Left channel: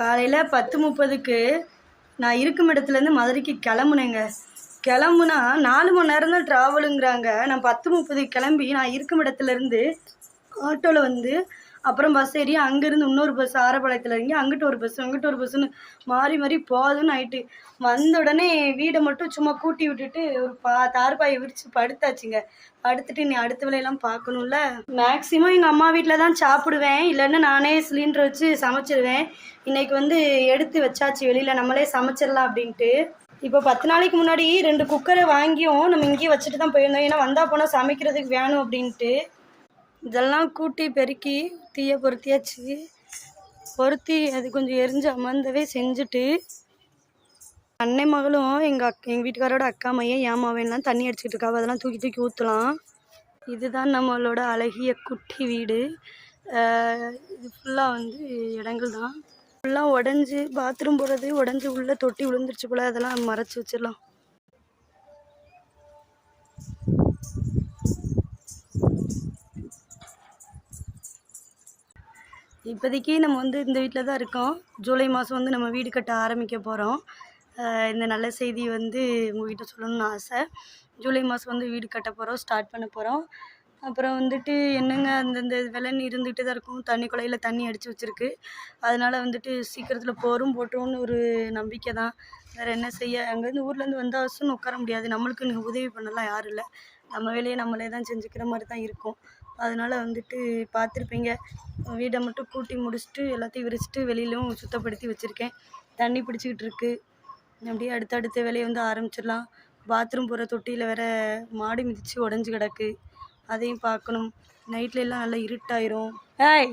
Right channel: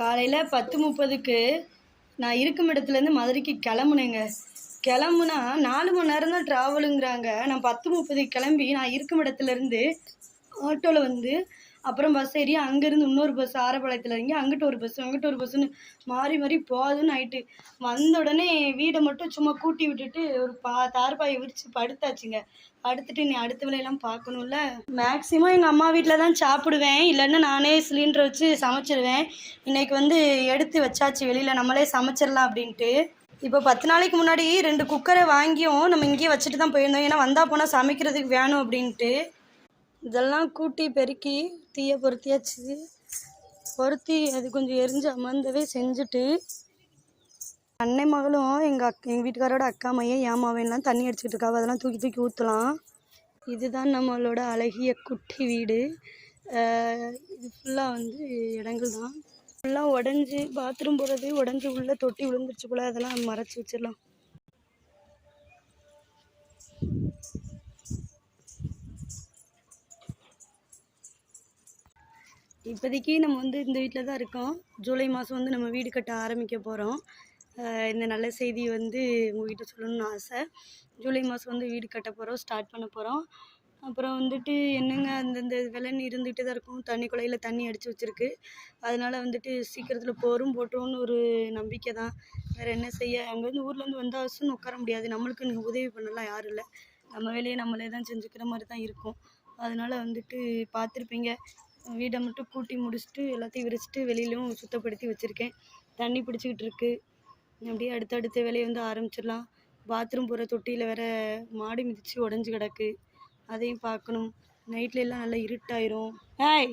காலையில் 10:30க்கு நான் இருக்கும் இடத்துலேருந்து மதுரைக்கு கிளம்புனேங்க. கிளம்புனா 4 மணி நேரம் தான் ட்ராவலுங்கிறாங்க. நான் 10:30க்கு கிளம்பி நான் இருக்கும் இடத்துலேருந்து ஆட்டோவில் வந்து அப்புறம் பஸ் ஏறி அங்கேருந்து இன்னொரு பஸ் ஆரப்பாளையத்தில் இறங்கி அங்கிட்டு ஒரு பஸ் அங்கிட்டு ஒரு பஸ்ஸுன்னு மாறி மாறி போதுன்னு ஆயிட்டு வந்த உடனே வீடை மட்டும் சும்மா கூட்டி விட்டுட்டு ஒரு தார்பாயை விரித்து படுத்தாச்சுங்க. படுத்துட்டு நீ அடுத்த வேலையெல்லாம் பார்க்கணும்ல. மேக்ஸிமம் எங்கள் அம்மா வீட்டில் தான் சாப்பிடுவேன், இல்லைன்னா நானே சிலிண்டர் வச்சு சமைச்சிடுவேன். இன்றைக்கி வந்து எடுத்து வச்சாச்சு வெளியில், நம்மளே சமைச்சிடலாம் அப்படின்ட்டு. இப்போ 10 நாளைக்கு முன்னாடி 2 குக்கரை வாங்கியும் நம்ம இங்கேயே வச்சுட்டு தான் போயிருந்தோம், ஏன்னா வந்தால் போனால் சமைக்கிறதுக்கு வேணும் அப்படின்ட்டு. இதெல்லாம் கூட்டி பெருக்கி தீயை பொருத்தியாச்சு. பொருத்தி அது கொஞ்சம் எரிஞ்சு அமர்ந்தவே செஞ்சுட்டு அன்னை மகளும் எங்கள் வீட்டுக்காரோட அக்கா மையன் ஏமாவேன்லாம் தண்ணி அடிச்சுக்கிட்டு இருக்காவ. அதெல்லாம் தூக்கி தூக்கி ஊற்றலாம். இதுதான் நம்மளோட அழகிய குட்டி வீடு. இது ஃபுல்லாக வந்து இடங்கள் தான் ஃபுல்லாக உடஞ்சி பாத்ரூம் போகிறது உடஞ்சி உள்ளே தொட்டி விழுந்துருச்சு போல். அதெல்லாம் மறைச்சி வச்சிடலாம். இப்போதைக்கு நம்ம வந்து இந்த வீட்டில் தான் இருக்கோம். ஜூலை மாதம் வந்து நம்ம வீடு கட்ட ஆரம்பிக்க போகிறோம். இந்த நல்ல செய்தி வந்து உங்கள்கிட்ட சொல்லணும்னு ஆசை. ஜூலை மாதம் வந்து வீடு கட்ட போகிறோம், ஸ்டார்ட் பண்ண போகிறோம். அப்புறம் வந்துட்டு என்னங்க அந்தந்த வெள்ளம் இருந்துகிட்டே தான் இருக்கும். தண்ணி குழையில் தண்ணி அடித்து வச்சுருக்கு. அதனால் வந்துட்டு சீக்கிரத்தில் போட்டுருவோன்னு ஒரு நம்பிக்கை தான். வேறு என்ன செய்ய, அங்கேருந்து ஊர்லேருந்து வந்தால் அவசரம் உட்கார முடியாது. நம்மளுக்கு உதவி பண்ணலாம் யாரும் இல்லை. நம்ம வேலையை நம்மளே தான் செஞ்சுக்கிற மாதிரி தான் இருக்கும். அதனால் வந்துட்டு பார்த்துருப்பீங்க, வீடை மட்டும் கூட்டி முடிச்சுட்டு எல்லாத்தையும் விரிச்சிட்டு வெளியிலும் சுத்தப்படுத்தி வச்சுருக்கேன். தண்ணி பிடிச்சிக்கிட்டு இருக்குது. அப்படியே அடுத்த வேலையை வந்து ஆரம்பிச்சிடலாம். பாத்ரூம் போகிற தொட்டியில் வேற மாடி மிதித்து உடஞ்சி கிடக்கு, அதையும் பார்க்கணும். நைட்ல எல்லாம் நல்லா இருட்டாயிரும். ஏய்